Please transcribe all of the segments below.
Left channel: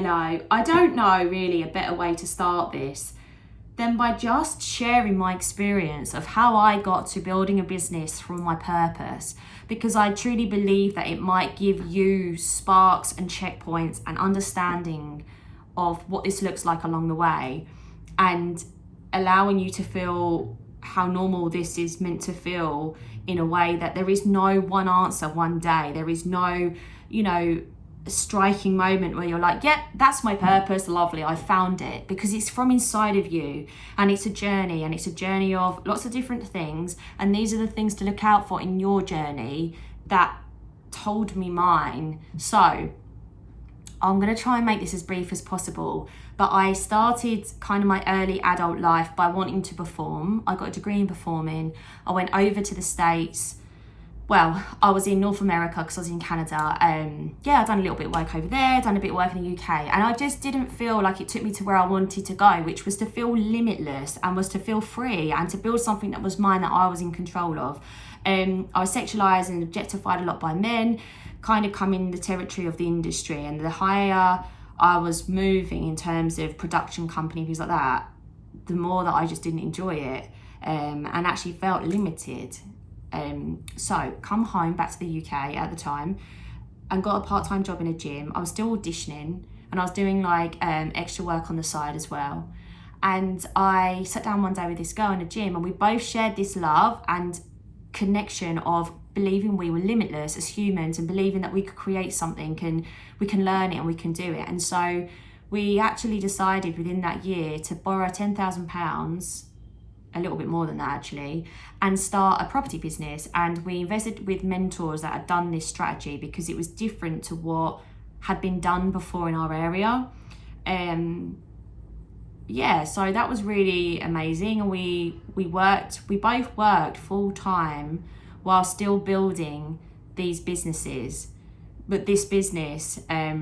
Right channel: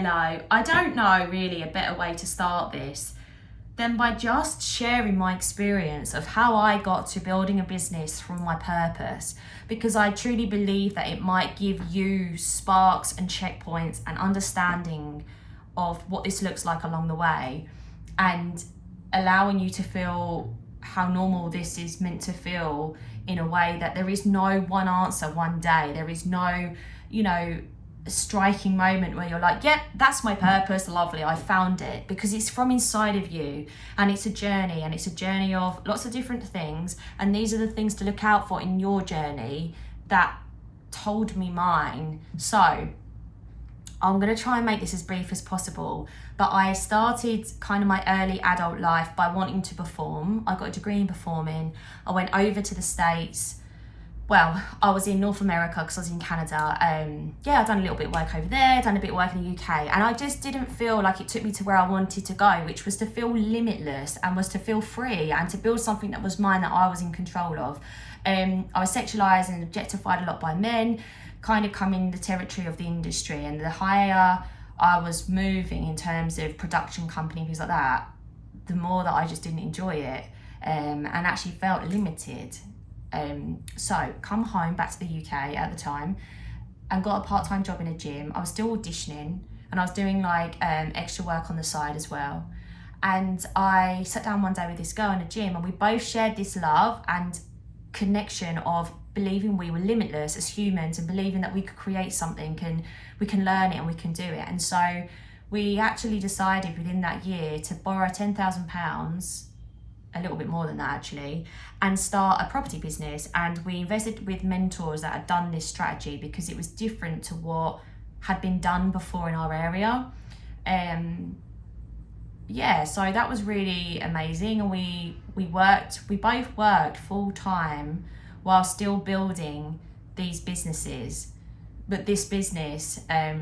Hello. I don't know really a better way to start this than by just sharing my experience of how I got to building a business from my purpose, because I truly believe that it might give you sparks and checkpoints and understanding of what this looks like along the way, and allowing you to feel how normal this is meant to feel, in a way that there is no one answer one day. There is no, striking moment where you're like, yeah, that's my purpose, lovely, I found it, because it's from inside of you, and it's a journey, and it's a journey of lots of different things, and these are the things to look out for in your journey that told me mine. So I'm going to try and make this as brief as possible, but I started kind of my early adult life by wanting to perform. I got a degree in performing. I went over to the States. Well, I was in North America because I was in Canada. I'd done a little bit of work over there, done a bit of work in the UK, and I just didn't feel like it took me to where I wanted to go, which was to feel limitless and was to feel free and to build something that was mine, that I was in control of. I was sexualized and objectified a lot by men, kind of come in the territory of the industry, and the higher I was moving in terms of production company, things like that, the more that I just didn't enjoy it, and actually felt limited. So come home back to the UK at the time and got a part-time job in a gym. I was still auditioning and I was doing extra work on the side as well. And I sat down one day with this girl in a gym, and we both shared this love and connection of believing we were limitless as humans, and believing that we could create something and we can learn it and we can do it. And so we actually decided within that year to borrow £10,000, a little bit more than that actually, and start a property business. And we invested with mentors that had done this strategy, because it was different to what had been done before in our area. So that was really amazing. And we both worked full time while still building these businesses. But this business, I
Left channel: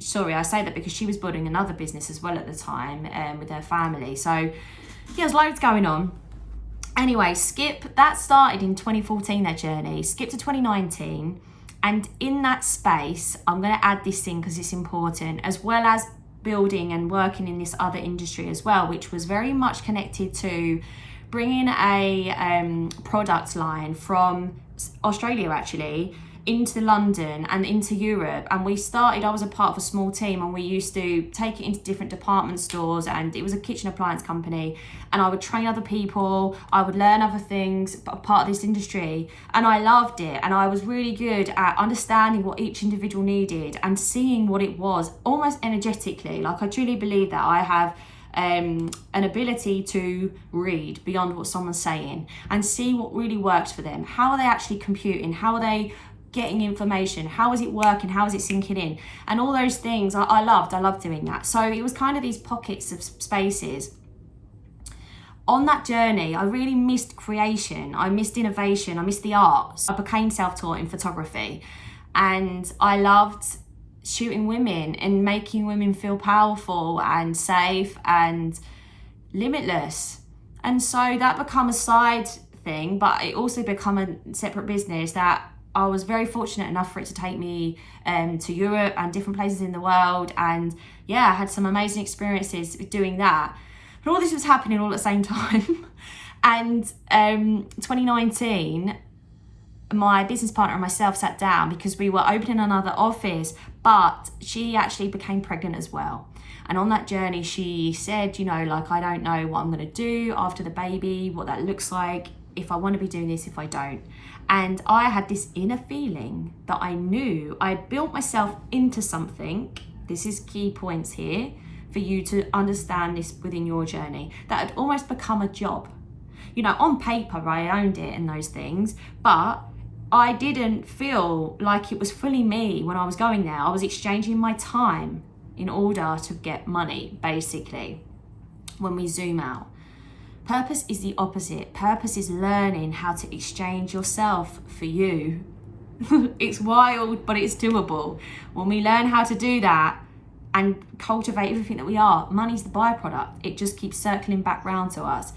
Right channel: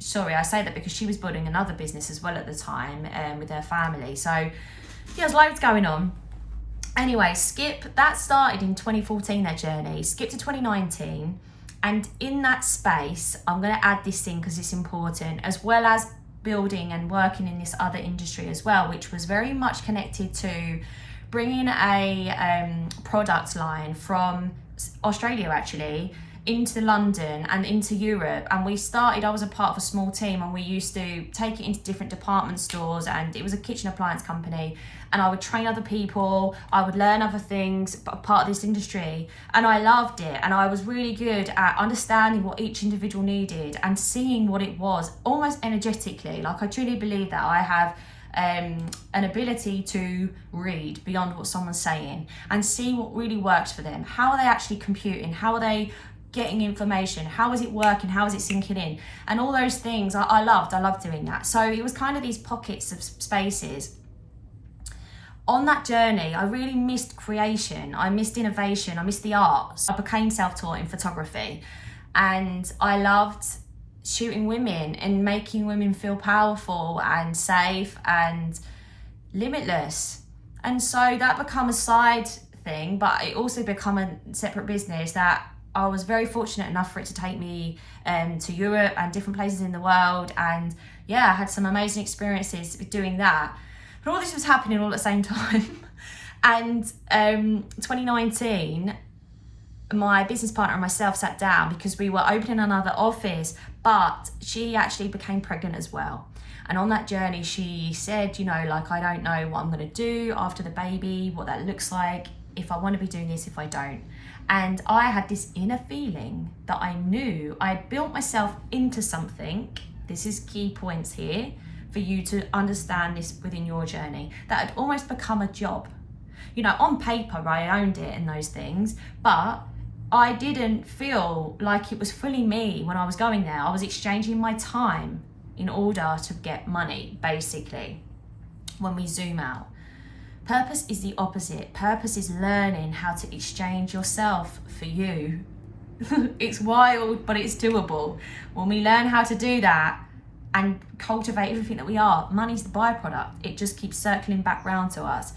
say that because she was building another business as well at the time, with her family. So there's loads going on. Anyway, that started in 2014, their journey. Skip to 2019. And in that space, I'm going to add this in because it's important, as well as building and working in this other industry as well, which was very much connected to bringing a product line from Australia actually into London and into Europe. And I was a part of a small team, and we used to take it into different department stores, and it was a kitchen appliance company, and I would train other people, I would learn other things, part of this industry, and I loved it. And I was really good at understanding what each individual needed and seeing what it was almost energetically. Like, I truly believe that I have an ability to read beyond what someone's saying and see what really works for them. How are they actually computing? How are they getting information? How is it working? How is it sinking in? And all those things I loved doing that. So it was kind of these pockets of spaces. On that journey, I really missed creation. I missed innovation. I missed the arts. I became self-taught in photography, and I loved shooting women and making women feel powerful and safe and limitless. And so that became a side thing, but it also became a separate business that I was very fortunate enough for it to take me to Europe and different places in the world. And I had some amazing experiences doing that. But all this was happening all at the same time. And 2019, my business partner and myself sat down because we were opening another office, but she actually became pregnant as well. And on that journey, she said, I don't know what I'm going to do after the baby, what that looks like, if I want to be doing this, if I don't. And I had this inner feeling that I knew I had built myself into something. This is key points here for you to understand this within your journey, that had almost become a job. On paper, I owned it and those things, but I didn't feel like it was fully me when I was going there. I was exchanging my time in order to get money, basically, when we zoom out. Purpose is the opposite. Purpose is learning how to exchange yourself for you. It's wild, but it's doable. When we learn how to do that and cultivate everything that we are, money's the byproduct. It just keeps circling back round to us.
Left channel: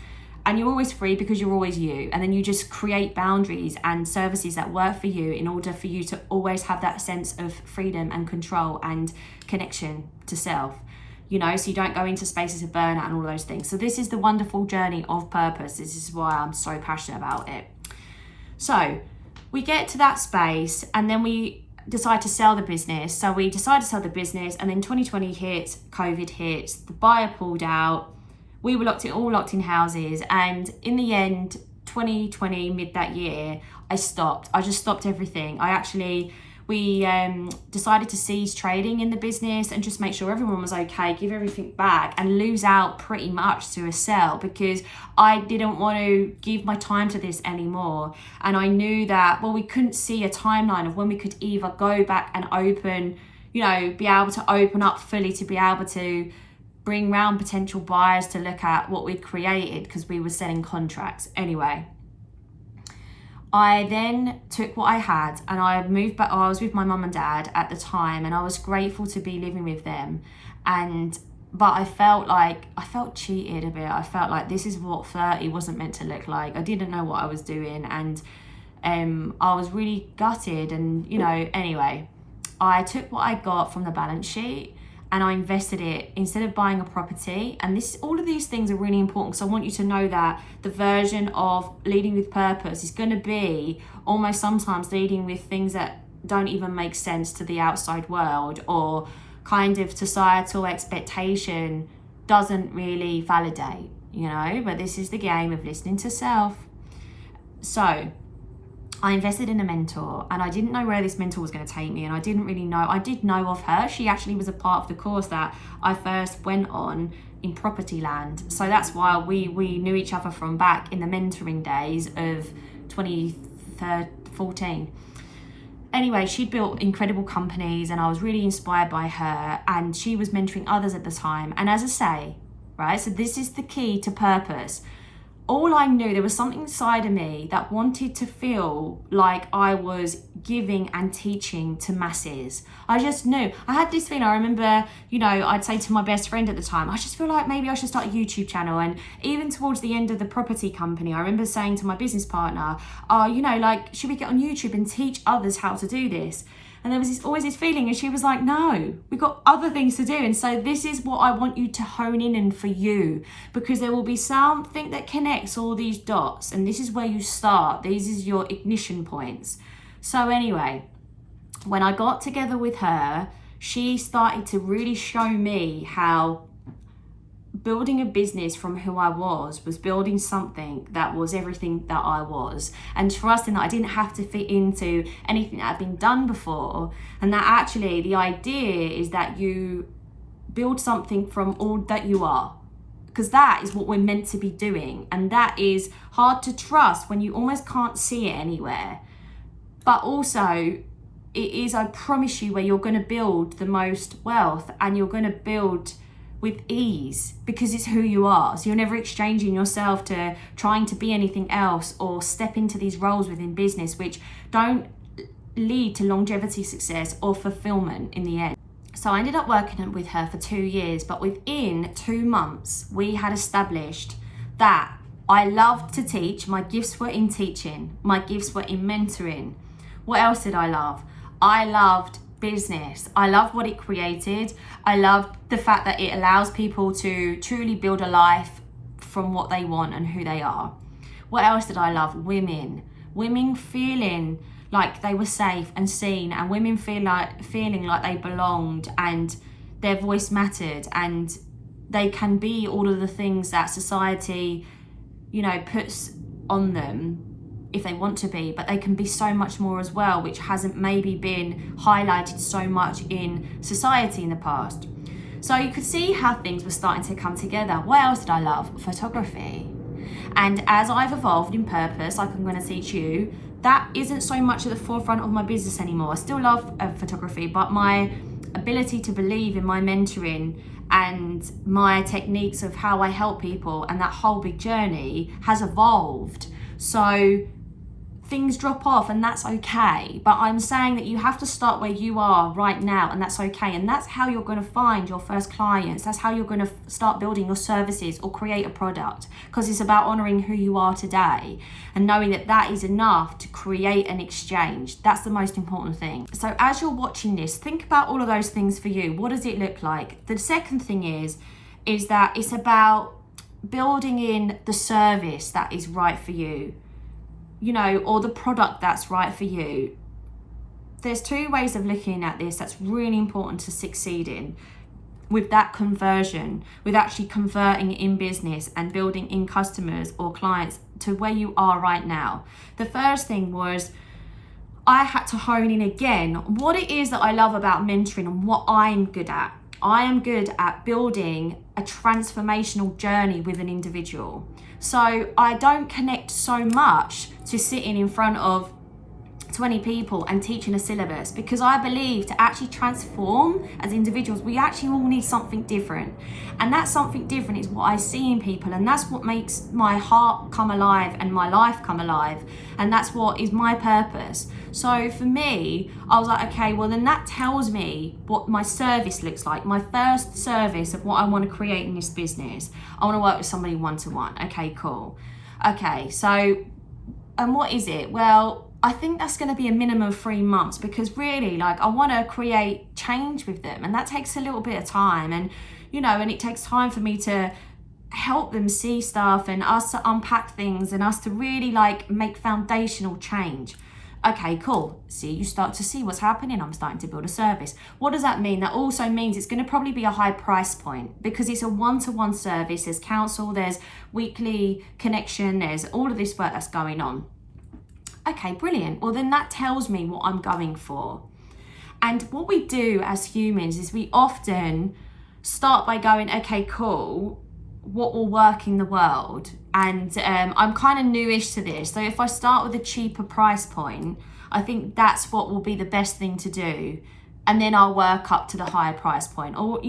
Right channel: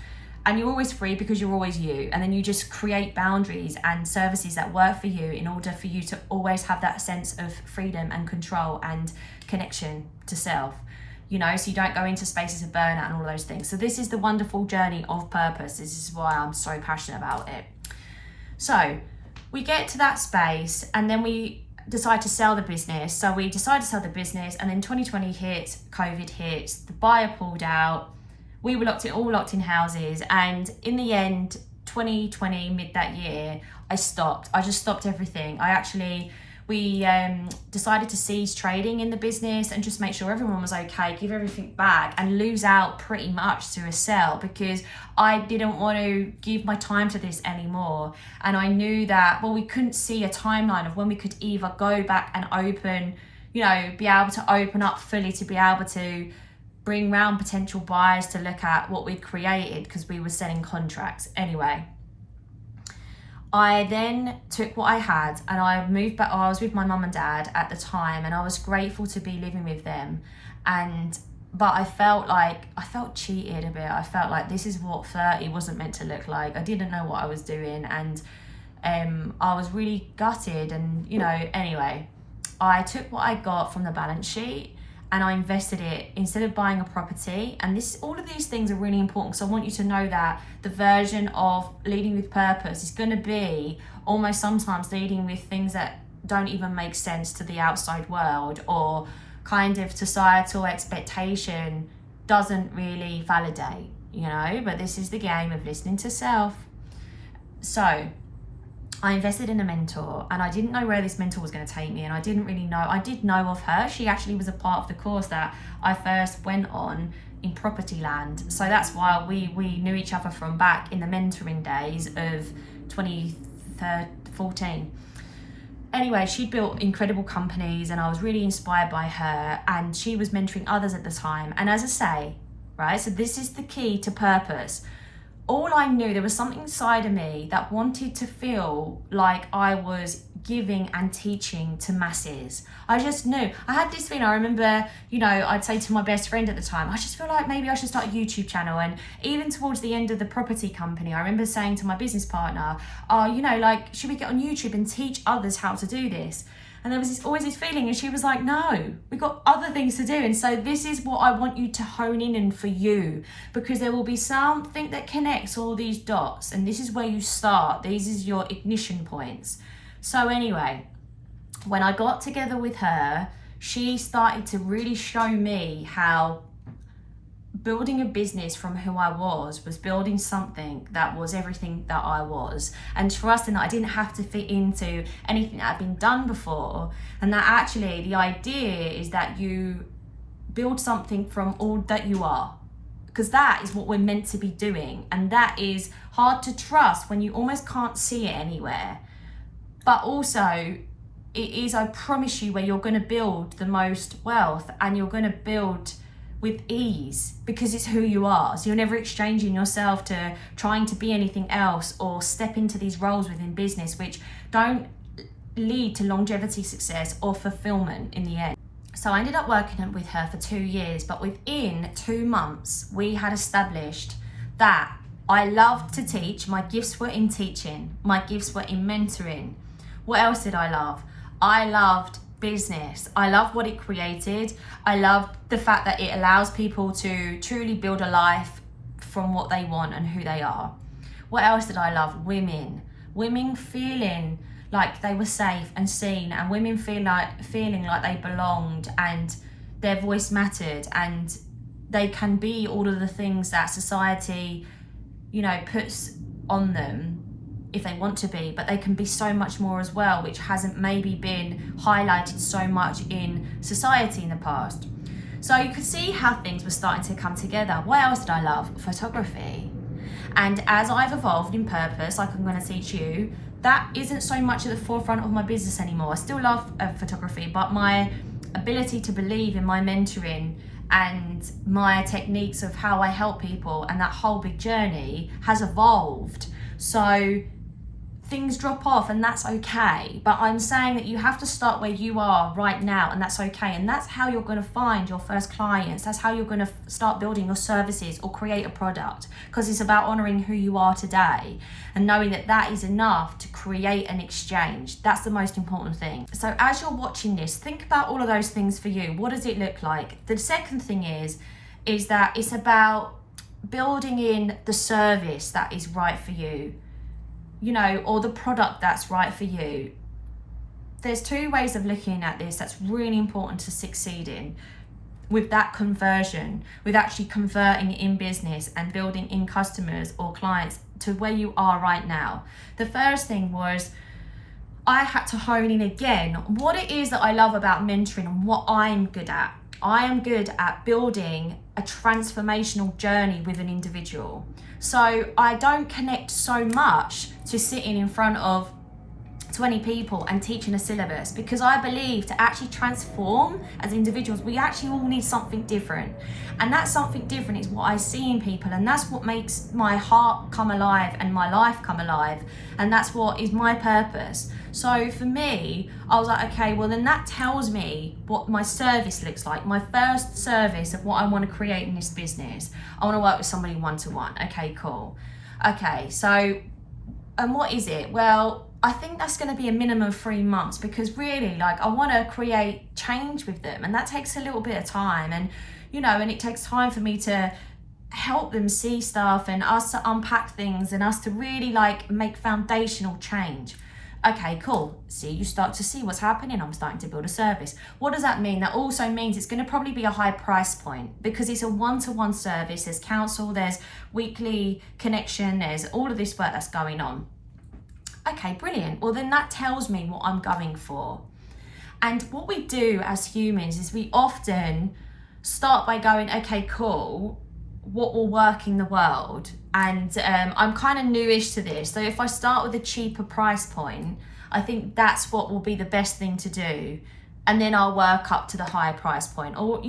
And you're always free because you're always you. And then you just create boundaries and services that work for you in order for you to always have that sense of freedom and control and connection to self, you know, so you don't go into spaces of burnout and all those things. So this is the wonderful journey of purpose. This is why I'm so passionate about it. So we get to that space and then we decide to sell the business. So we decide to sell the business, and then 2020 hits, COVID hits, the buyer pulled out. We were all locked in houses, and in the end, 2020, mid that year, I just stopped everything. We decided to cease trading in the business and just make sure everyone was okay, give everything back, and lose out pretty much to a sell, because I didn't want to give my time to this anymore. And I knew that, we couldn't see a timeline of when we could either go back and open, be able to open up fully to be able to bring round potential buyers to look at what we'd created, because we were selling contracts. Anyway, I then took what I had and I moved back. I was with my mum and dad at the time, and I was grateful to be living with them. But I felt cheated a bit. I felt like this is what 30 wasn't meant to look like. I didn't know what I was doing, and I was really gutted. And anyway, I took what I got from the balance sheet and I invested it instead of buying a property. And all of these things are really important, because I want you to know that the version of leading with purpose is going to be almost sometimes leading with things that don't even make sense to the outside world, or kind of societal expectation doesn't really validate, but this is the game of listening to self. So I invested in a mentor, and I didn't know where this mentor was going to take me, and I didn't really know. I did know of her. She actually was a part of the course that I first went on in property land. So that's why we knew each other from back in the mentoring days of 2014. Anyway, she'd built incredible companies, and I was really inspired by her, and she was mentoring others at the time. And as I say, right, so this is the key to purpose. All I knew, there was something inside of me that wanted to feel like I was giving and teaching to masses. I just knew. I had this feeling. I remember, I'd say to my best friend at the time, I just feel like maybe I should start a YouTube channel. And even towards the end of the property company, I remember saying to my business partner, should we get on YouTube and teach others how to do this? And there was always this feeling, and she was like, no, we've got other things to do. And so this is what I want you to hone in on for you, because there will be something that connects all these dots, and this is where you start. These is your ignition points. So anyway, when I got together with her, she started to really show me how building a business from who I was building something that was everything that I was, and trusting that I didn't have to fit into anything that had been done before, and that actually the idea is that you build something from all that you are, because that is what we're meant to be doing. And that is hard to trust when you almost can't see it anywhere, but also it is, I promise you, where you're going to build the most wealth, and you're going to build with ease, because it's who you are. So you're never exchanging yourself to trying to be anything else, or step into these roles within business which don't lead to longevity, success, or fulfillment in the end. So I ended up working with her for 2 years, but within 2 months we had established that I loved to teach. My gifts were in teaching, my gifts were in mentoring. What else did I love? I loved business. I loved what it created. I loved the fact that it allows people to truly build a life from what they want and who they are. What else did I love? Women feeling like they were safe and seen, and women feeling like they belonged and their voice mattered, and they can be all of the things that society, puts on them if they want to be, but they can be so much more as well, which hasn't maybe been highlighted so much in society in the past. So you could see how things were starting to come together. What else did I love? Photography. And as I've evolved in purpose, like I'm going to teach you, that isn't so much at the forefront of my business anymore. I still love photography, but my ability to believe in my mentoring and my techniques of how I help people and that whole big journey has evolved. So things drop off, and that's okay. But I'm saying that you have to start where you are right now, and that's okay. And that's how you're going to find your first clients. That's how you're going to start building your services or create a product, because it's about honoring who you are today and knowing that that is enough to create an exchange. That's the most important thing. So as you're watching this, think about all of those things for you. What does it look like? The second thing is that it's about building in the service that is right for you, or the product that's right for you. There's two ways of looking at this that's really important to succeed in with that conversion, with actually converting in business and building in customers or clients to where you are right now. The first thing was I had to hone in again what it is that I love about mentoring and what I'm good at. I am good at building a transformational journey with an individual. So I don't connect so much to sitting in front of 20 people and teaching a syllabus, because I believe to actually transform as individuals, we actually all need something different. And that something different is what I see in people, and that's what makes my heart come alive and my life come alive. And that's what is my purpose. So for me, I was like, okay, well then that tells me what my service looks like. My first service of what I want to create in this business. I want to work with somebody one-to-one. Okay, cool. Okay, so, and what is it? Well, I think that's going to be a minimum of 3 months, because really, I want to create change with them, and that takes a little bit of time, and and it takes time for me to help them see stuff and us to unpack things and us to really make foundational change. Okay, cool. See, you start to see what's happening. I'm starting to build a service. What does that mean? That also means it's going to probably be a high price point, because it's a one-to-one service. There's counsel, there's weekly connection, there's all of this work that's going on. Okay, brilliant. Well, then that tells me what I'm going for. And what we do as humans is we often start by going, okay, cool, what will work in the world? And I'm kind of newish to this. So if I start with a cheaper price point, I think that's what will be the best thing to do. And then I'll work up to the higher price point. Or,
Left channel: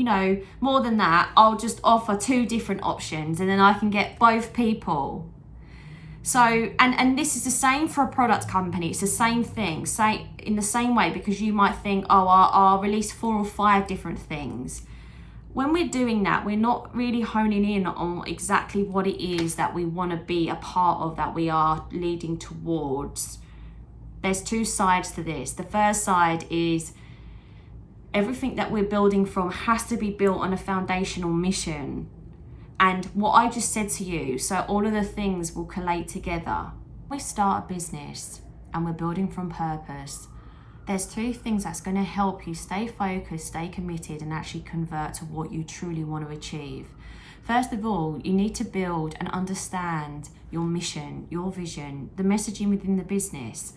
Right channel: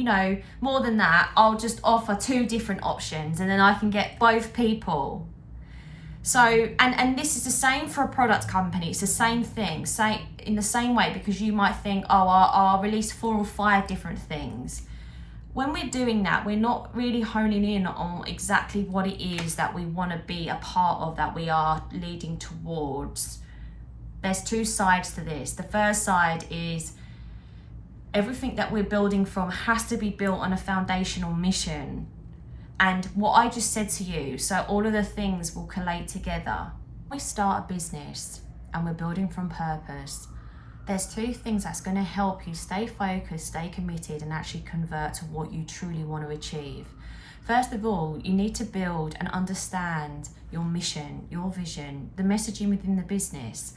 more than that, I'll just offer 2 different options, and then I can get both people. So, and this is the same for a product company. It's the same thing, in the same way, because you might think, oh, I'll release 4 or 5 different things. When we're doing that, we're not really honing in on exactly what it is that we want to be a part of, that we are leading towards. There's 2 sides to this. The first side is everything that we're building from has to be built on a foundational mission. And what I just said to you, so all of the things will collate together. We start a business and we're building from purpose. There's 2 things that's going to help you stay focused, stay committed, and actually convert to what you truly want to achieve. First of all, you need to build and understand your mission, your vision, the messaging within the business.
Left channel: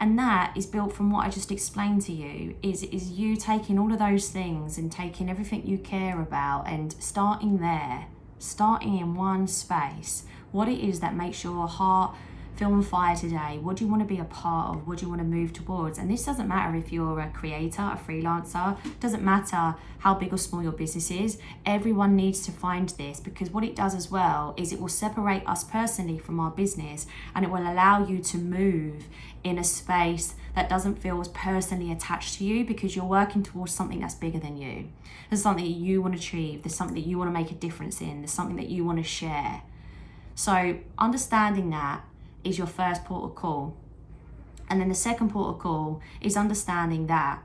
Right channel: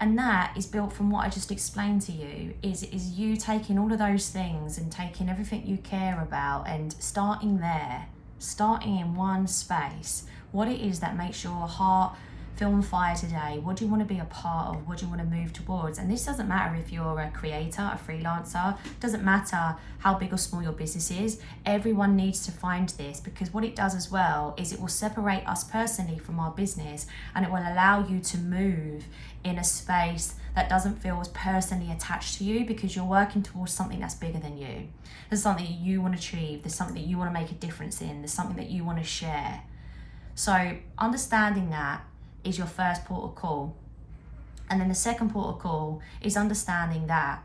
And that is built from what I just explained to you, is you taking all of those things and taking everything you care about and starting there. Starting in one space, what it is that makes your heart feel on fire today. What do you want to be a part of? What do you want to move towards? And this doesn't matter if you're a creator, a freelancer, doesn't matter how big or small your business is. Everyone needs to find this, because what it does as well is it will separate us personally from our business, and it will allow you to move in a space that doesn't feel as personally attached to you, because you're working towards something that's bigger than you. There's something that you want to achieve. There's something that you want to make a difference in. There's something that you want to share. So understanding that is your first port of call. And then the second port of call is understanding that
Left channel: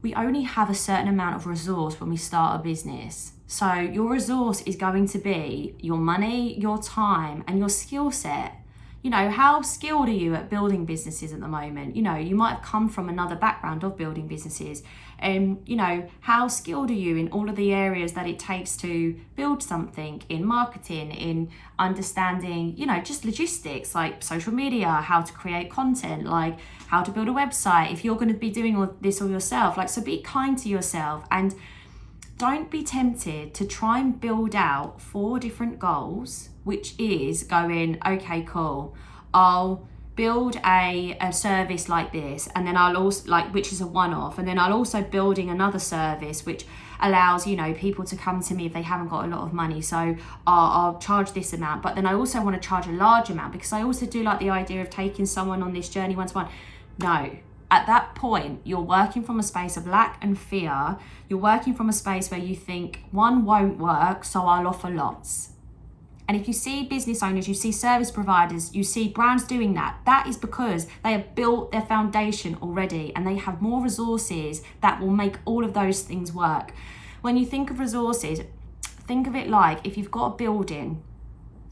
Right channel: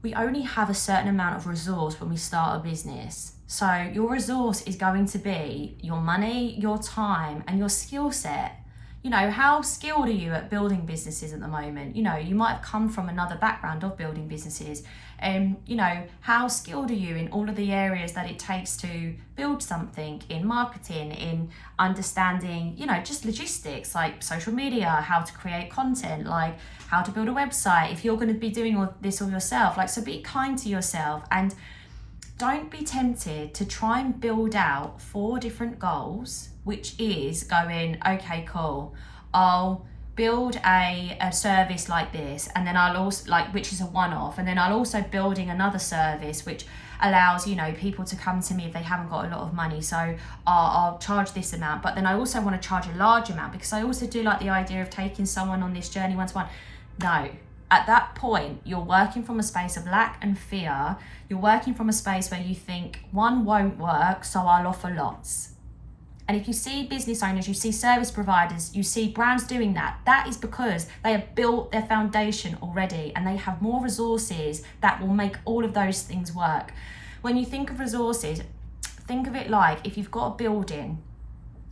we only have a certain amount of resource when we start a business. So your resource is going to be your money, your time, and your skill set. How skilled are you at building businesses at the moment? You might have come from another background of building businesses. How skilled are you in all of the areas that it takes to build something, in marketing, in understanding, just logistics like social media, how to create content, like how to build a website, if you're going to be doing all this all yourself. So be kind to yourself, and don't be tempted to try and build out 4 different goals, which is going, okay, cool, I'll build a service like this, and then I'll also which is a one-off, and then I'll also building another service which allows, you know, people to come to me if they haven't got a lot of money. So I'll charge this amount, but then I also want to charge a large amount because I also do like the idea of taking someone on this journey one-to-one. No, at that point, you're working from a space of lack and fear. You're working from a space where you think one won't work, so I'll offer lots. And if you see business owners, you see service providers, you see brands doing that, that is because they have built their foundation already and they have more resources that will make all of those things work. When you think of resources, think of it like if you've got a building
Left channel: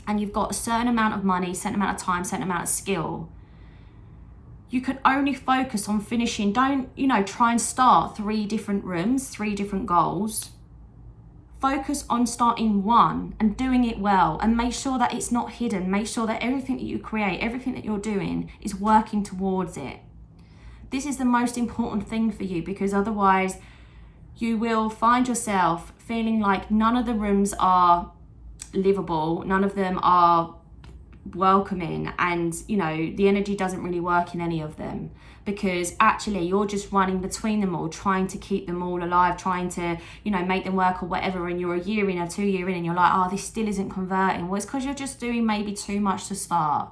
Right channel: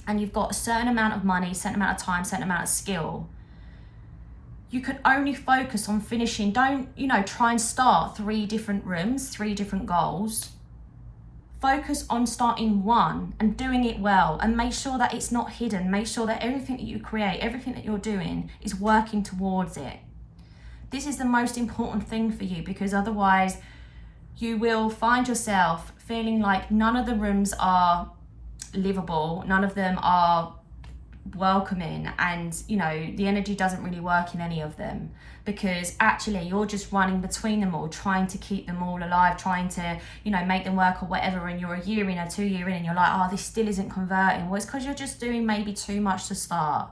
and you've got a certain amount of money, certain amount of time, certain amount of skill, you can only focus on finishing. Don't, you know, try and start 3 different rooms, 3 different goals. Focus on starting one and doing it well, and make sure that it's not hidden. Make sure that everything that you create, everything that you're doing is working towards it. This is the most important thing for you, because otherwise you will find yourself feeling like none of the rooms are livable, none of them are welcoming, and you know, the energy doesn't really work in any of them, because actually you're just running between them all, trying to keep them all alive, trying to, you know, make them work or whatever, and you're a year in or 2 years in and you're like, oh, this still isn't converting. Well, it's because you're just doing maybe too much to start.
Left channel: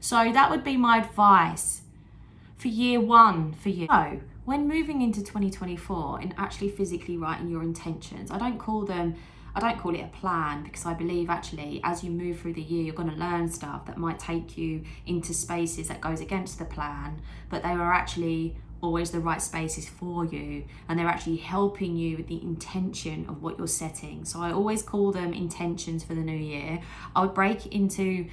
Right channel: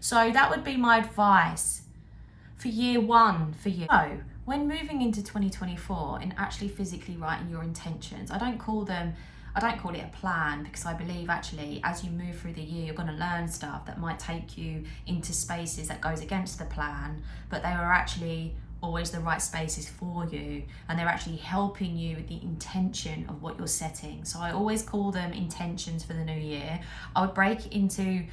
So that would be my advice for year 1 for you. So when moving into 2024 and actually physically writing your intentions, I don't call it a plan, because I believe actually as you move through the year, you're going to learn stuff that might take you into spaces that goes against the plan, but they are actually always the right spaces for you, and they're actually helping you with the intention of what you're setting. So I always call them intentions for the new year. I would break it into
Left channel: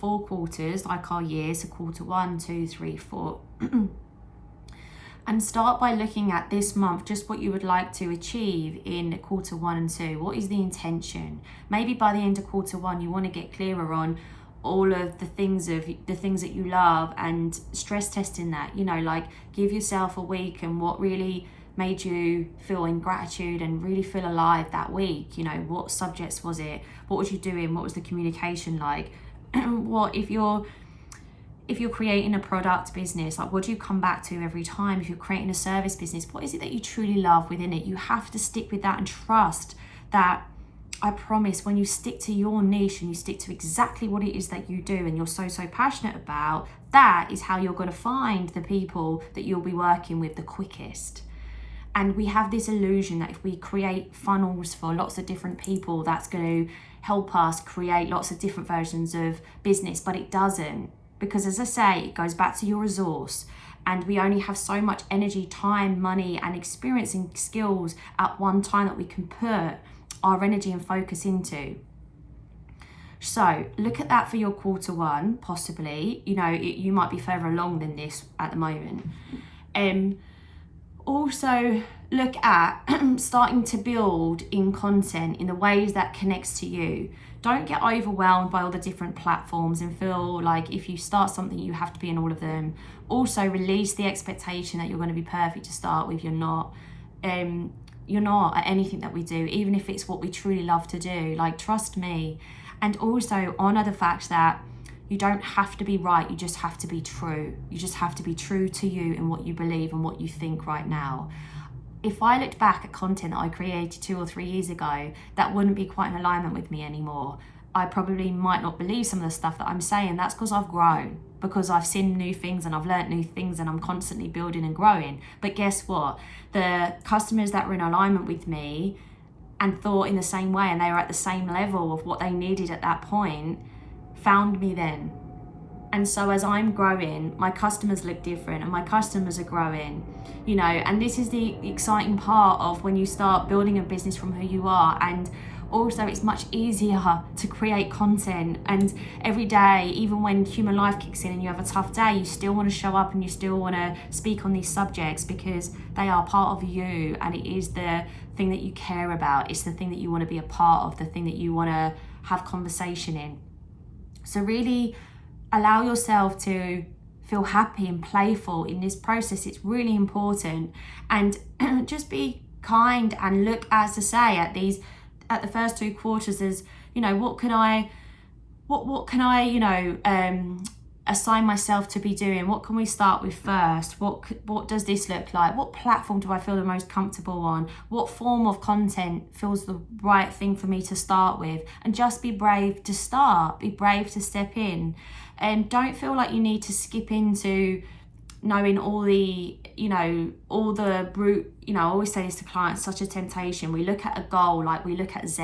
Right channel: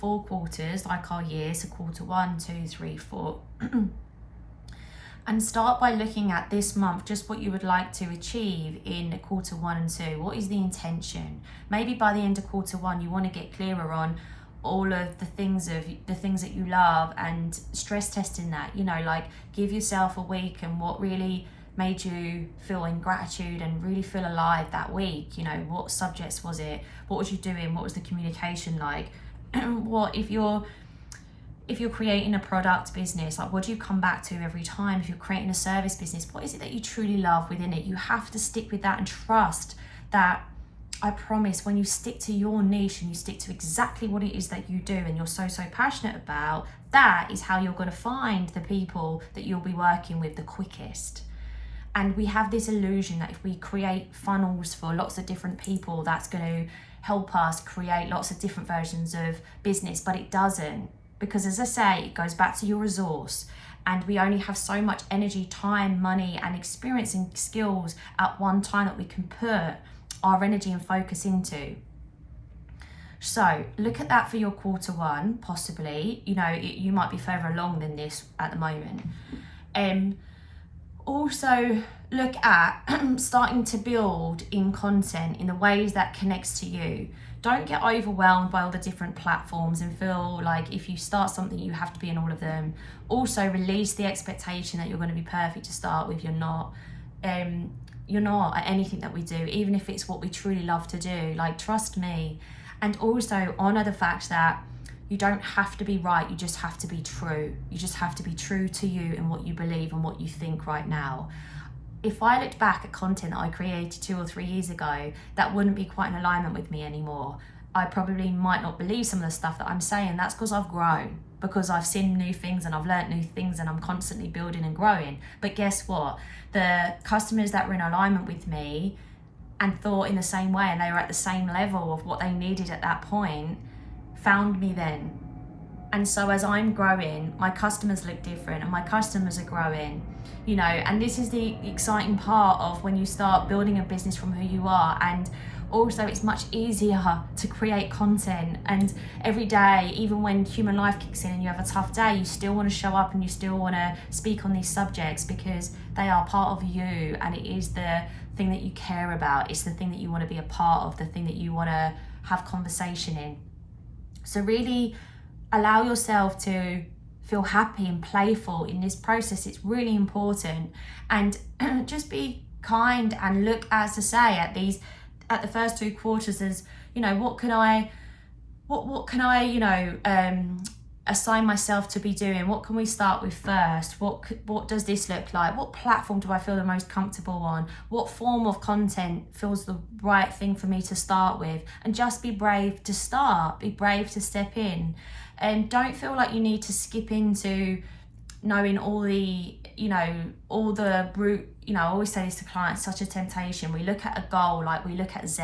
4 quarters like our year, so quarter 1, 2, 3, 4. And start by looking at this month, just what you would like to achieve in quarter 1 and 2. What is the intention? Maybe by the end of quarter 1, you want to get clearer on all of the things that you love, and stress testing that, you know, like give yourself a week and what really made you feel in gratitude and really feel alive that week. You know, what subjects was it? What was you doing? What was the communication like? What if you're creating a product business, like what do you come back to every time? If you're creating a service business, what is it that you truly love within it? You have to stick with that and trust that. I promise, when you stick to your niche and you stick to exactly what it is that you do and you're so passionate about, that is how you're going to find the people that you'll be working with the quickest. And we have this illusion that if we create funnels for lots of different people, that's going to help us create lots of different versions of business, but it doesn't. Because as I say, it goes back to your resource, and we only have so much energy, time, money, and experience and skills at one time that we can put our energy and focus into. So look at that for your quarter 1, possibly. You know, you might be further along than this at the moment. Also look at starting to build in content in the ways that connects to you. Don't get overwhelmed by all the different platforms and feel like if you start something, you have to be in all of them. Also release the expectation that you're going to be perfect to start with. You're not. You're not at anything that we do, even if it's what we truly love to do. Like, trust me. And also honor the fact that you don't have to be right, you just have to be true. You just have to be true to you and what you believe and what you think right now. If I looked back at content that I created 2 or 3 years ago, that wouldn't be quite in alignment with me anymore. I probably might not believe some of the stuff that I'm saying. That's because I've grown, because I've seen new things and I've learned new things, and I'm constantly building and growing. But guess what? The customers that were in alignment with me and thought in the same way, and they were at the same level of what they needed at that point, found me then. And so as I'm growing, my customers look different and my customers are growing, you know, and this is the exciting part of when you start building a business from who you are. And also it's much easier to create content, and every day, even when human life kicks in and you have a tough day, you still want to show up and you still want to speak on these subjects because they are part of you, and it is the thing that you care about. It's the thing that you want to be a part of, the thing that you want to have conversation in. So really allow yourself to feel happy and playful in this process. It's really important. And just be kind and look, as I say, at the first 2 quarters as, you know, what can I, you know, assign myself to be doing? What can we start with first? What does this look like? What platform do I feel the most comfortable on? What form of content feels the right thing for me to start with? And just be brave to start, be brave to step in, and don't feel like you need to skip into knowing all the, all the brute, I always say this to clients, such a temptation. We look at a goal, like we look at Z,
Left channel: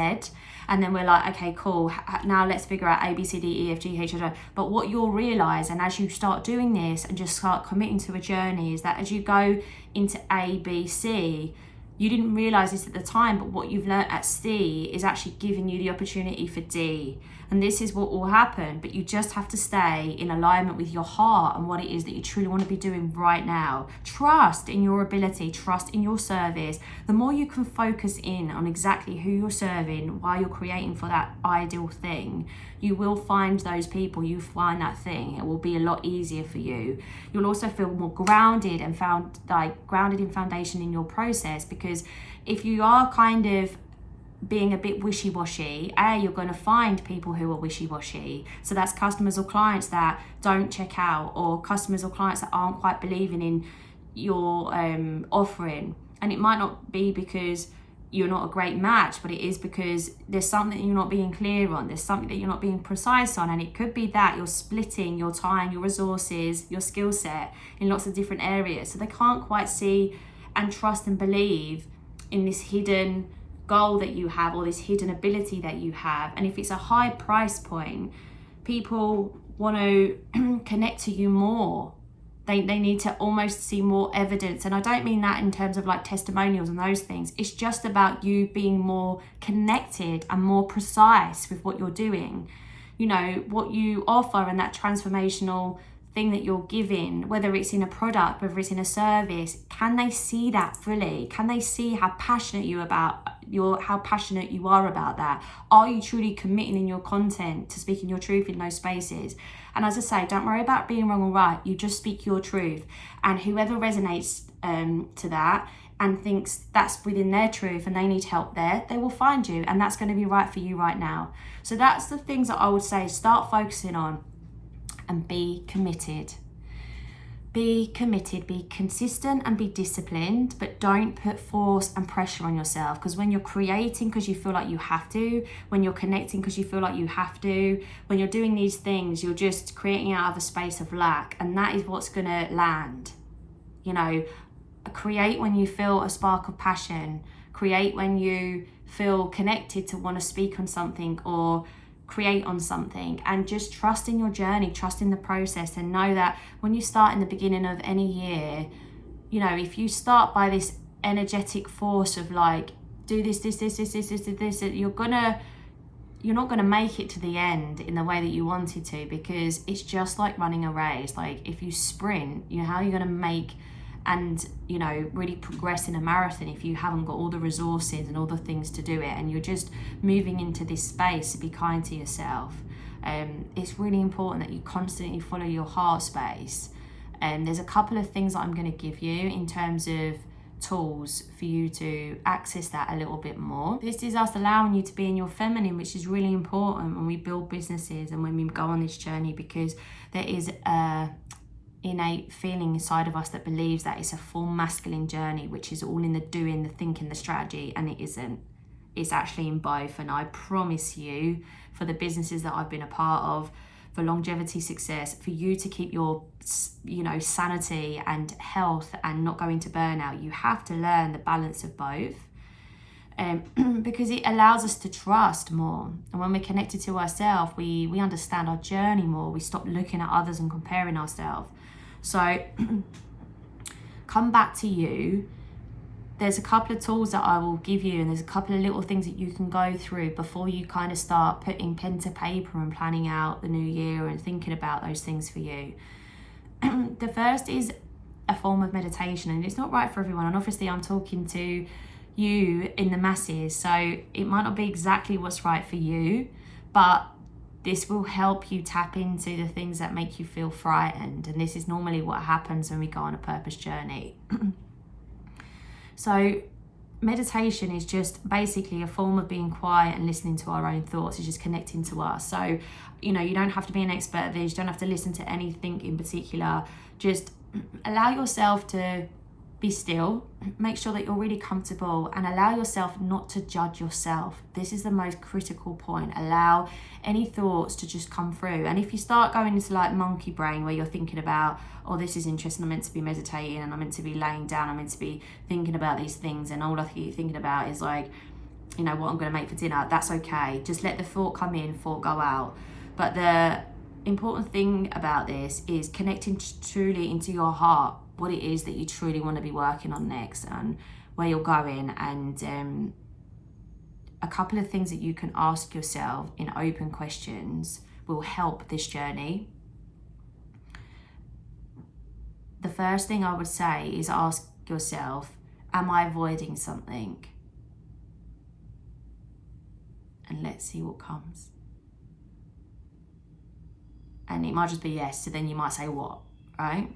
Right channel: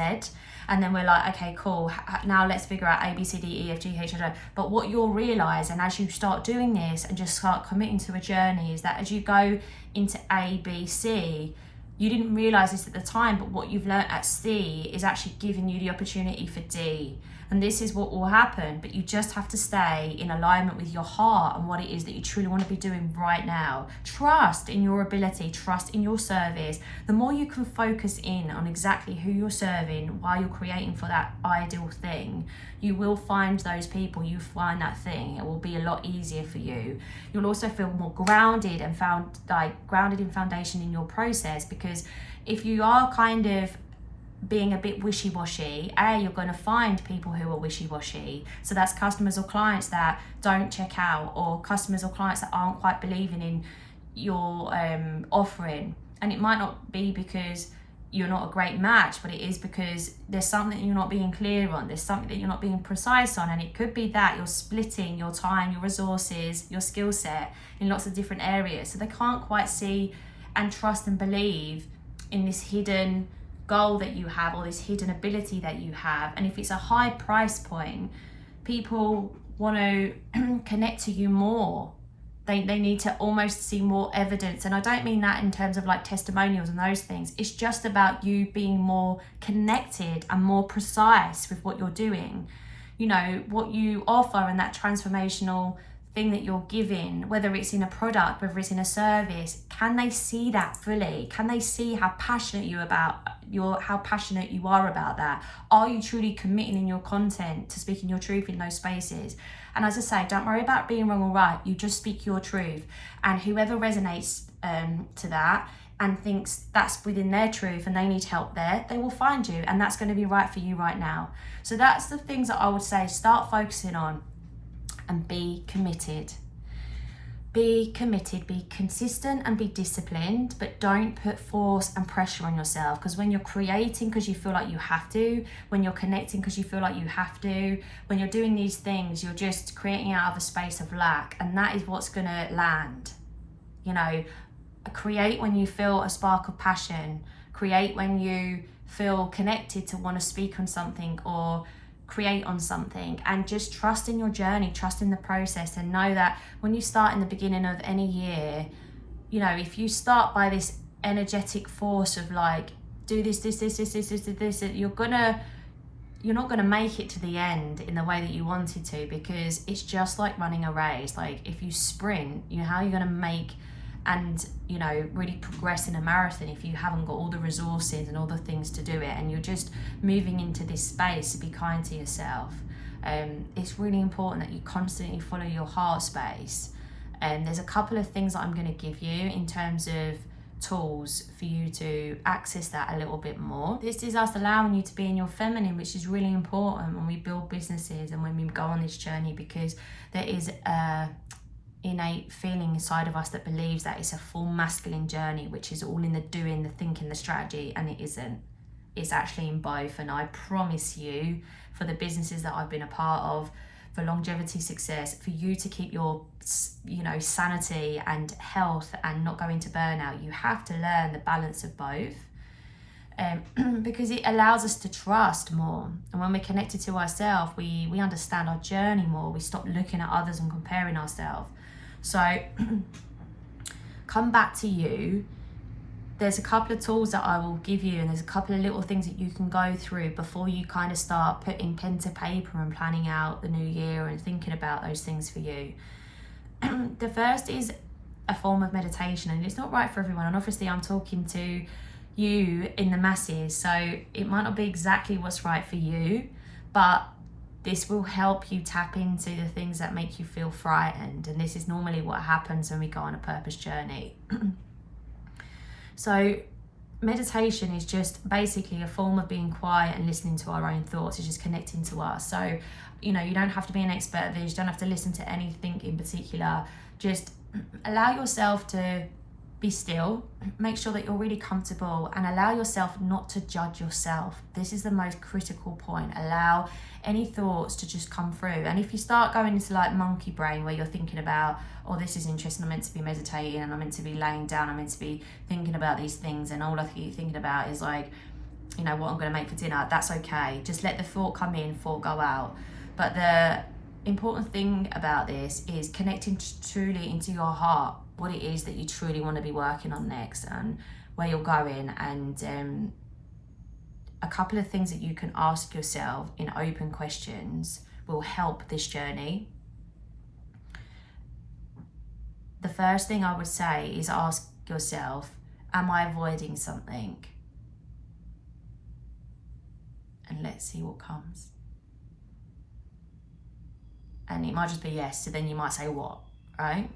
and then we're like, okay, cool, now let's figure out A, B, C, D, E, F, G, H, I, J. But what you'll realize, and as you start doing this and just start committing to a journey, is that as you go into A, B, C, you didn't realize this at the time, but what you've learned at C is actually giving you the opportunity for D. And this is what will happen, but you just have to stay in alignment with your heart and what it is that you truly want to be doing right now. Trust in your ability, trust in your service. The more you can focus in on exactly who you're serving while you're creating for that ideal thing, you will find those people, you find that thing. It will be a lot easier for you. You'll also feel more grounded and grounded in foundation in your process, because if you are kind of being a bit wishy-washy, you're going to find people who are wishy-washy. So that's customers or clients that don't check out, or customers or clients that aren't quite believing in your offering. And it might not be because you're not a great match, but it is because there's something you're not being clear on, there's something that you're not being precise on. And it could be that you're splitting your time, your resources, your skill set in lots of different areas, so they can't quite see and trust and believe in this hidden goal that you have, or this hidden ability that you have. And if it's a high price point, people want to connect to you more. They need to almost see more evidence. And I don't mean that in terms of like testimonials and those things. It's just about you being more connected and more precise with what you're doing. What you offer and that transformational thing that you're giving, whether it's in a product, whether it's in a service, can they see that fully? Can they see how passionate you are about that? Are you truly committing in your content to speaking your truth in those spaces? And as I say, don't worry about being wrong or right. You just speak your truth, and whoever resonates to that and thinks that's within their truth and they need help there, they will find you, and that's going to be right for you right now. So that's the things that I would say start focusing on. And be committed. Be committed, be consistent and be disciplined, but don't put force and pressure on yourself, because when you're creating because you feel like you have to, when you're connecting because you feel like you have to, when you're doing these things, you're just creating out of a space of lack, and that is what's going to land. Create when you feel a spark of passion. Create when you feel connected to want to speak on something or create on something, and just trust in your journey, trust in the process, and know that when you start in the beginning of any year, if you start by this energetic force of like, do this, you're not gonna make it to the end in the way that you wanted to, because it's just like running a race. Like if you sprint, how are you gonna make and really progress in a marathon if you haven't got all the resources and all the things to do it, and you're just moving into this space? To be kind to yourself. It's really important that you constantly follow your heart space. And there's a couple of things that I'm going to give you in terms of tools for you to access that a little bit more. This is us allowing you to be in your feminine, which is really important when we build businesses and when we go on this journey, because there is a innate feeling inside of us that believes that it's a full masculine journey, which is all in the doing, the thinking, the strategy, and it isn't. It's actually in both. And I promise you, for the businesses that I've been a part of, for longevity success, for you to keep your sanity and health and not go into burnout, you have to learn the balance of both. Because it allows us to trust more, and when we're connected to ourselves, we understand our journey more. We stop looking at others and comparing ourselves. So come back to you. There's a couple of tools that I will give you, and there's a couple of little things that you can go through before you kind of start putting pen to paper and planning out the new year and thinking about those things for you. The first is a form of meditation, and it's not right for everyone, and obviously I'm talking to you in the masses, so it might not be exactly what's right for you, but this will help you tap into the things that make you feel frightened. And this is normally what happens when we go on a purpose journey. So meditation is just basically a form of being quiet and listening to our own thoughts. It's just connecting to us. So, you know, you don't have to be an expert at this. You don't have to listen to anything in particular. Just allow yourself to be still. Make sure that you're really comfortable and allow yourself not to judge yourself. This is the most critical point. Allow any thoughts to just come through. And if you start going into like monkey brain where you're thinking about, oh, this is interesting, I'm meant to be meditating and I'm meant to be laying down, I'm meant to be thinking about these things, and all I keep thinking about is like, you know, what I'm going to make for dinner, that's okay. Just let the thought come in, thought go out. But the important thing about this is connecting truly into your heart, what it is that you truly want to be working on next and where you're going. And a couple of things that you can ask yourself in open questions will help this journey. The first thing I would say is ask yourself, am I avoiding something? And let's see what comes. And it might just be yes, so then you might say what, right?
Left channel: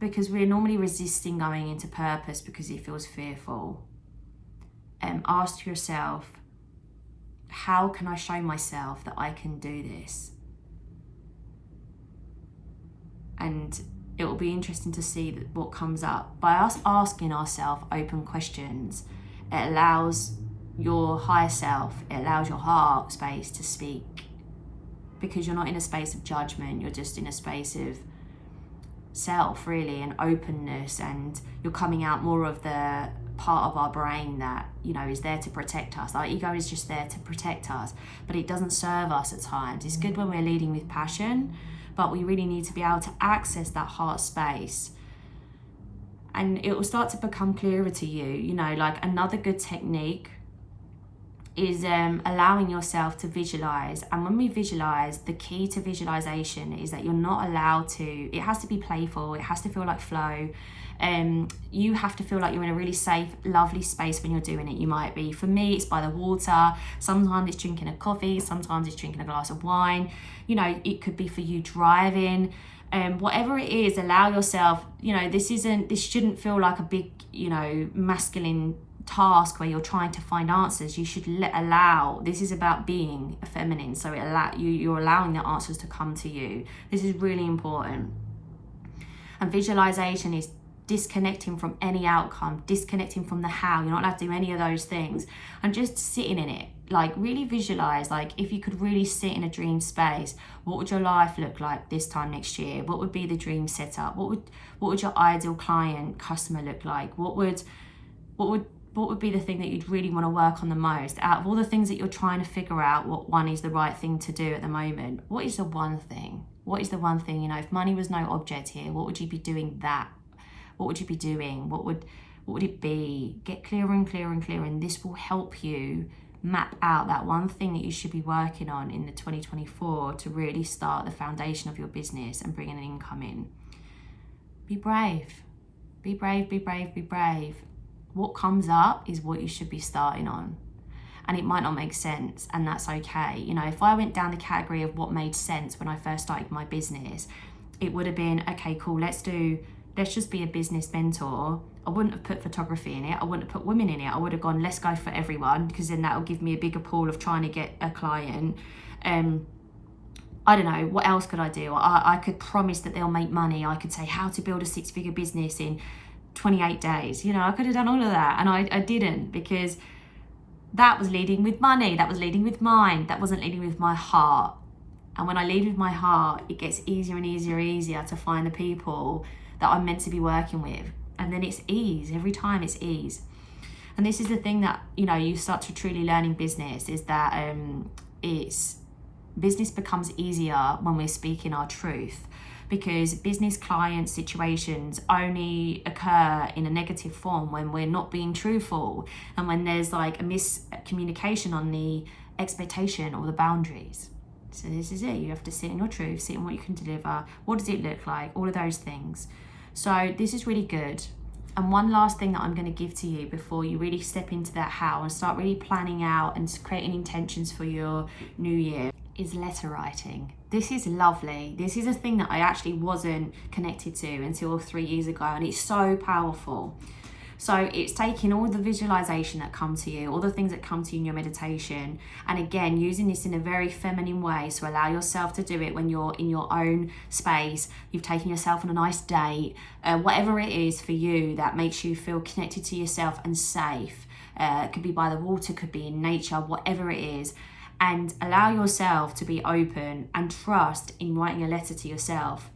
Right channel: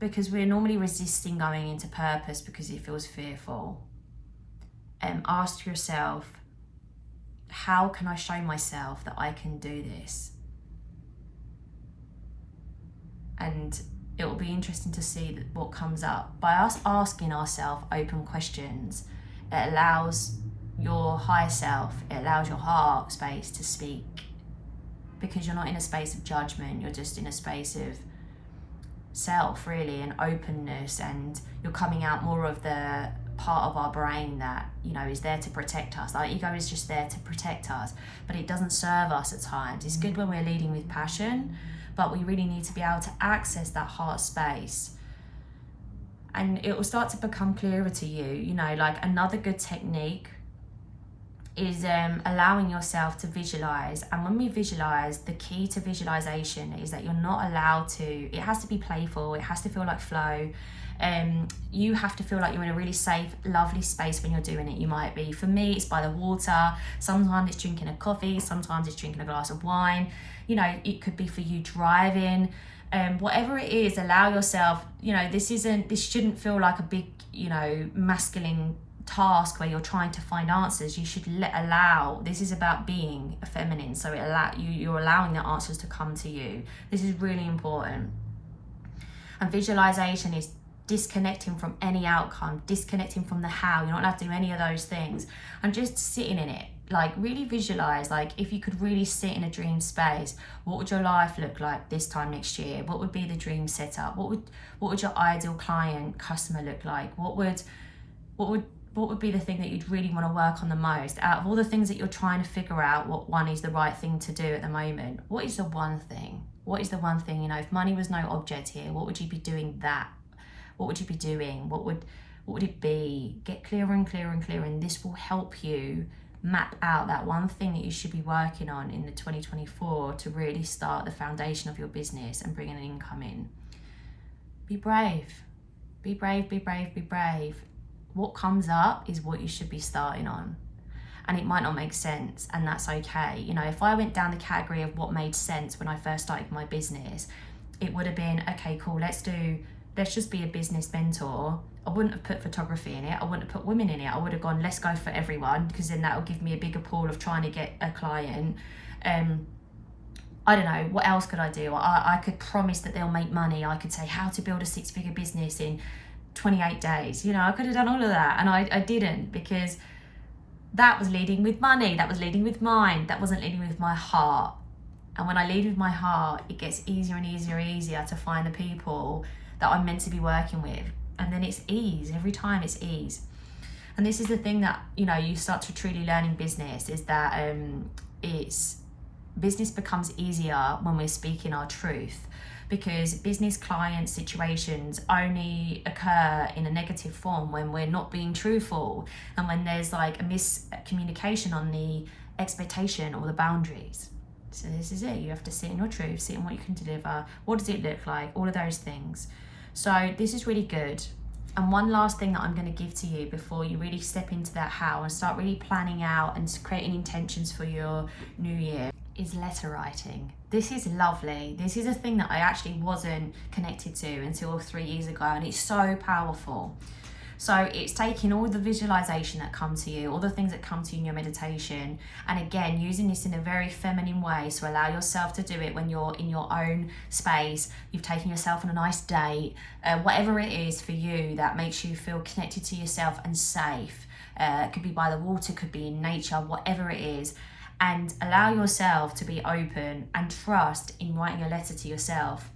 Because we're normally resisting going into purpose because it feels fearful. Ask yourself, how can I show myself that I can do this? And it will be interesting to see what comes up. By us asking ourselves open questions, it allows your higher self, it allows your heart space to speak. Because you're not in a space of judgment, you're just in a space of self, really, and openness, and you're coming out more of the part of our brain that, you know, is there to protect us. Our ego is just there to protect us, but it doesn't serve us at times. It's good when we're leading with passion, but we really need to be able to access that heart space, and it will start to become clearer to you. You know, like another good technique is allowing yourself to visualize. And when we visualize, the key to visualization is that you're not allowed to, it has to be playful, it has to feel like flow. You have to feel like you're in a really safe, lovely space when you're doing it. You might be, for me, it's by the water, sometimes it's drinking a coffee, sometimes it's drinking a glass of wine, you know, it could be for you driving. Whatever it is, allow yourself, you know, this shouldn't feel like a big, you know, masculine task where you're trying to find answers. You should allow, this is about being feminine, so you're allowing the answers to come to you. This is really important. And visualization is disconnecting from any outcome, disconnecting from the how. You're not allowed to do any of those things, and just sitting in it. Like, really visualize, like, if you could really sit in a dream space, what would your life look like this time next year? What would be the dream setup? What would your ideal client, customer look like? What would be the thing that you'd really want to work on the most? Out of all the things that you're trying to figure out, what one is the right thing to do at the moment? What is the one thing? What is the one thing? You know, if money was no object here, what would you be doing that? What would you be doing? What would it be? Get clearer and clearer and clearer, and this will help you map out that one thing that you should be working on in the 2024 to really start the foundation of your business and bring an income in. Be brave. Be brave, be brave, be brave. What comes up is what you should be starting on. And it might not make sense, and that's okay. You know, if I went down the category of what made sense when I first started my business, it would have been, okay, cool, let's just be a business mentor. I wouldn't have put photography in it. I wouldn't have put women in it. I would have gone, let's go for everyone, because then that will give me a bigger pool of trying to get a client. I don't know, what else could I do? I could promise that they'll make money. I could say how to build a 6-figure business in 28 days. You know, I could have done all of that, and I didn't, because that was leading with money, that was leading with mind, that wasn't leading with my heart. And when I lead with my heart, it gets easier and easier to find the people that I'm meant to be working with. And then it's ease, every time it's ease. And this is the thing that, you know, you start to truly learn in business, is that business becomes easier when we're speaking our truth, because business client situations only occur in a negative form when we're not being truthful, and when there's like a miscommunication on the expectation or the boundaries. So this is it. You have to sit in your truth, sit in what you can deliver. What does it look like? All of those things. So this is really good. And one last thing that I'm going to give to you before you really step into that how and start really planning out and creating intentions for your new year is letter writing. This is lovely. This is a thing that I actually wasn't connected to until 3 years ago, and it's so powerful. So it's taking all the visualization that come to you, all the things that come to you in your meditation, and again, using this in a very feminine way. So allow yourself to do it when you're in your own space, you've taken yourself on a nice date, whatever it is for you that makes you feel connected to yourself and safe. It could be by the water, could be in nature, whatever it is. And allow yourself to be open and trust in writing a letter to yourself,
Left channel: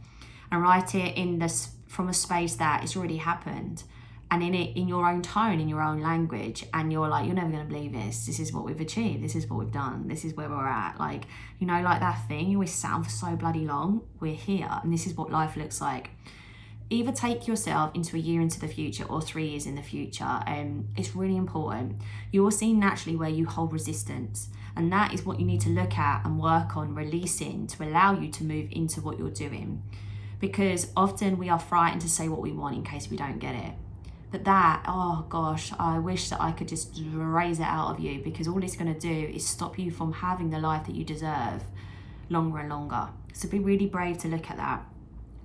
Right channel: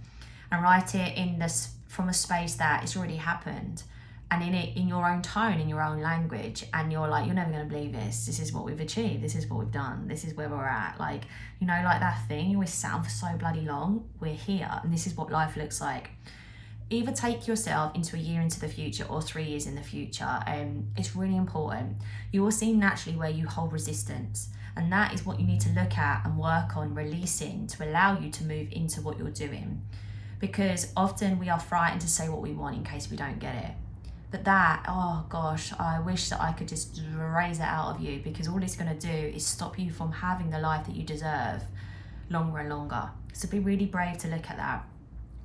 and write it in this from a space that it's already happened, and in your own tone, in your own language. And you're like, you're never going to believe this is what we've achieved, this is what we've done, this is where we're at. Like, you know, like that thing you always sat on for so bloody long, we're here, and this is what life looks like. Either take yourself into a year into the future or 3 years in the future. It's really important. You will see naturally where you hold resistance, and that is what you need to look at and work on releasing to allow you to move into what you're doing. Because often we are frightened to say what we want in case we don't get it. But that, oh gosh, I wish that I could just raise it out of you, because all it's going to do is stop you from having the life that you deserve longer and longer. So be really brave to look at that.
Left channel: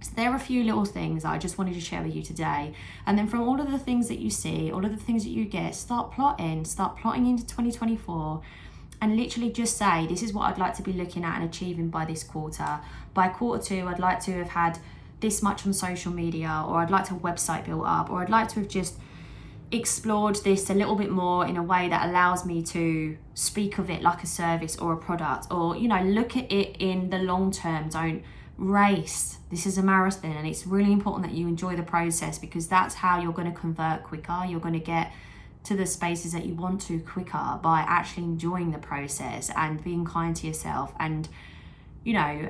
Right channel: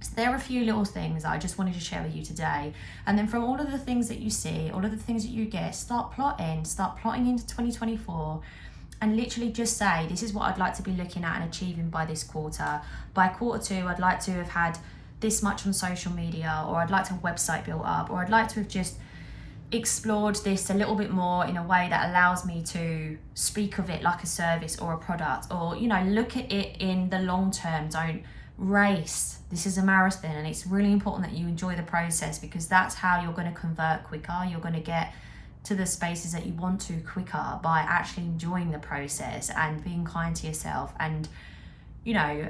So there are a few little things that I just wanted to share with you today. And then from all of the things that you see, all of the things that you get, start plotting into 2024. And literally just say, this is what I'd like to be looking at and achieving by this quarter. By quarter 2, I'd like to have had this much on social media, or I'd like to have a website built up, or I'd like to have just explored this a little bit more in a way that allows me to speak of it like a service or a product, or, you know, look at it in the long term. Don't race. This is a marathon, and it's really important that you enjoy the process, because that's how you're going to convert quicker. You're going to get to the spaces that you want to quicker by actually enjoying the process and being kind to yourself, and, you know,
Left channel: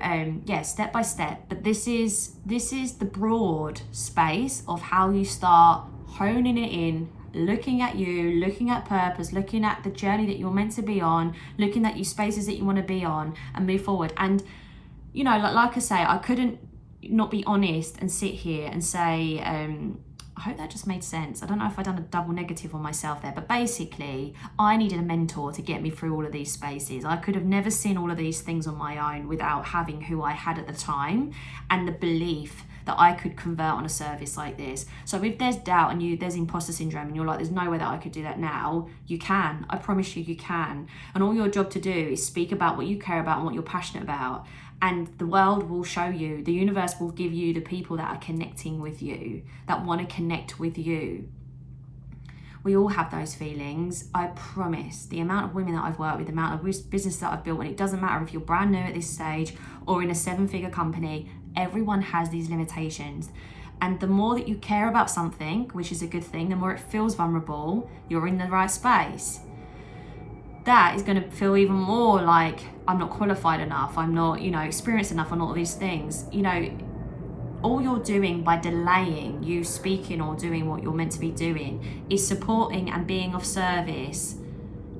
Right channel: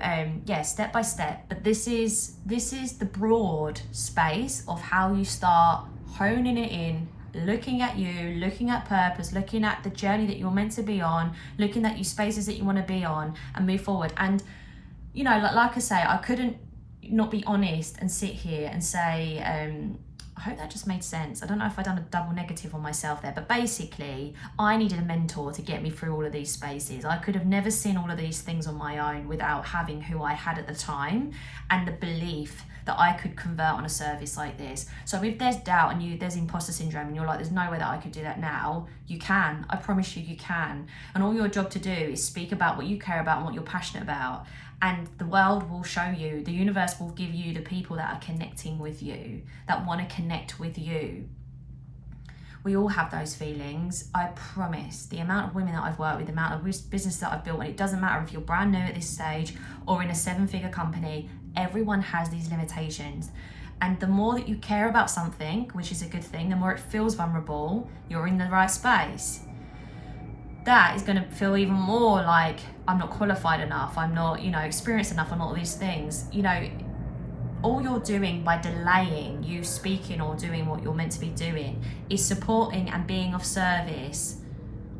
step by step. But this is the broad space of how you start honing it in, looking at you, looking at purpose, looking at the journey that you're meant to be on, looking at your spaces that you want to be on, and move forward. And, you know, like I say, I couldn't not be honest and sit here and say, I hope that just made sense. I don't know if I've done a double negative on myself there, but basically I needed a mentor to get me through all of these spaces. I could have never seen all of these things on my own without having who I had at the time and the belief that I could convert on a service like this. So if there's doubt and there's imposter syndrome and you're like, there's no way that I could do that now, you can. I promise you, you can. And all your job to do is speak about what you care about and what you're passionate about. And the world will show you, the universe will give you the people that are connecting with you, that want to connect with you. We all have those feelings. I promise. The amount of women that I've worked with, the amount of business that I've built, and it doesn't matter if you're brand new at this stage or in a 7-figure company, everyone has these limitations. And the more that you care about something, which is a good thing, the more it feels vulnerable, you're in the right space. That is going to feel even more like, I'm not qualified enough, I'm not, you know, experienced enough on all these things. You know, all you're doing by delaying you speaking or doing what you're meant to be doing is supporting and being of service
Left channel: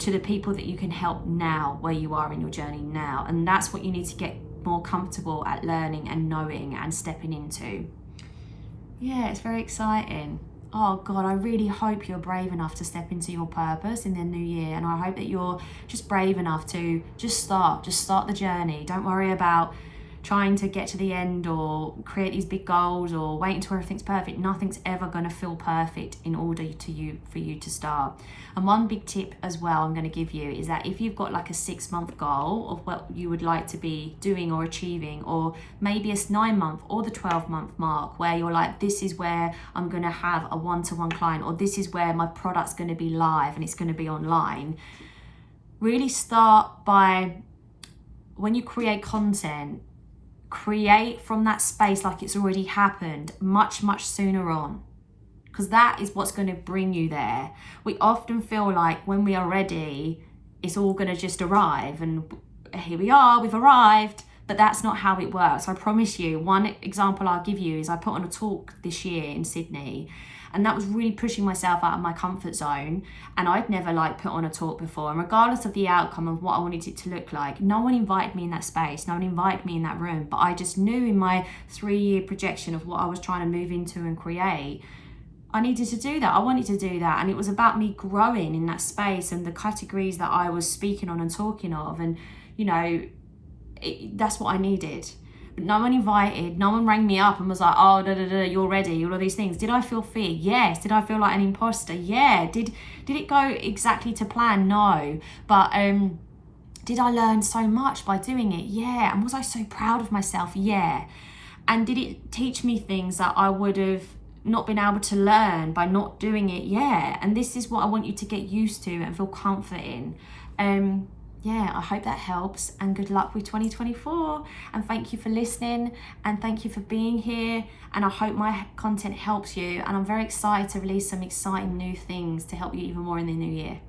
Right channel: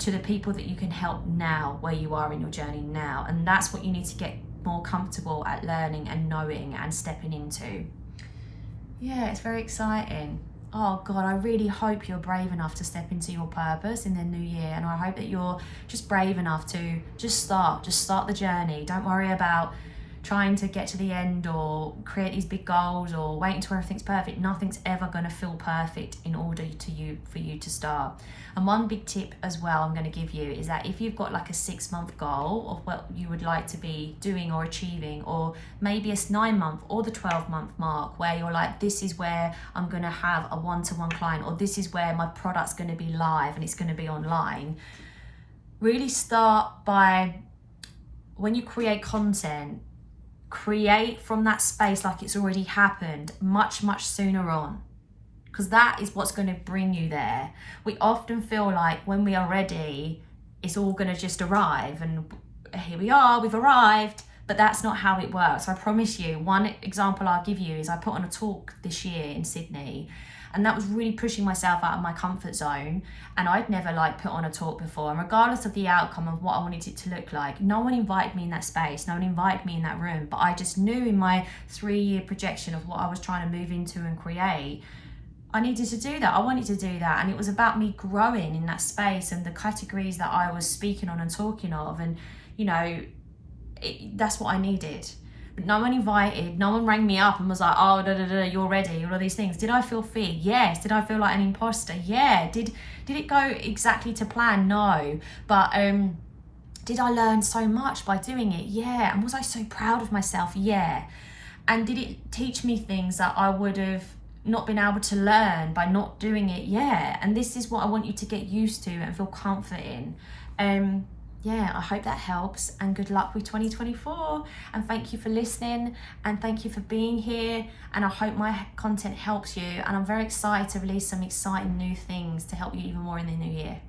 to the people that you can help now, where you are in your journey now. And that's what you need to get more comfortable at learning and knowing and stepping into. Yeah, it's very exciting. Oh God, I really hope you're brave enough to step into your purpose in the new year. And I hope that you're just brave enough to just start the journey. Don't worry about trying to get to the end or create these big goals or wait until everything's perfect. Nothing's ever going to feel perfect in order for you to start. And one big tip as well I'm going to give you is that if you've got like a 6-month goal of what you would like to be doing or achieving, or maybe a 9-month or the 12-month mark where you're like, this is where I'm going to have a one-to-one client, or this is where my product's going to be live and it's going to be online. Really start by, when you create content, create from that space like it's already happened much sooner on, because that is what's going to bring you there. We often feel like when we are ready, it's all going to just arrive, and here we are, we've arrived. But that's not how it works. I promise you. One example I'll give you is I put on a talk this year in Sydney, and that was really pushing myself out of my comfort zone. And I'd never put on a talk before, and regardless of the outcome of what I wanted it to look like, no one invited me in that space, no one invited me in that room. But I just knew in my 3-year projection of what I was trying to move into and create, I needed to do that. I wanted to do that. And it was about me growing in that space and the categories that I was speaking on and talking of. And, you know, that's what I needed. but no one invited, no one rang me up and was like, oh, you're ready, all of these things. Did I feel fear? Yes. Did I feel like an imposter? Yeah. Did it go exactly to plan? No. But did I learn so much by doing it? Yeah. And was I so proud of myself? Yeah. And did it teach me things that I would have not been able to learn by not doing it? Yeah. And this is what I want you to get used to and feel comfort in. Yeah, I hope that helps, and good luck with 2024. And thank you for listening, and thank you for being here. And I hope my content helps you. And I'm very excited to release some exciting new things to help you even more in the new year.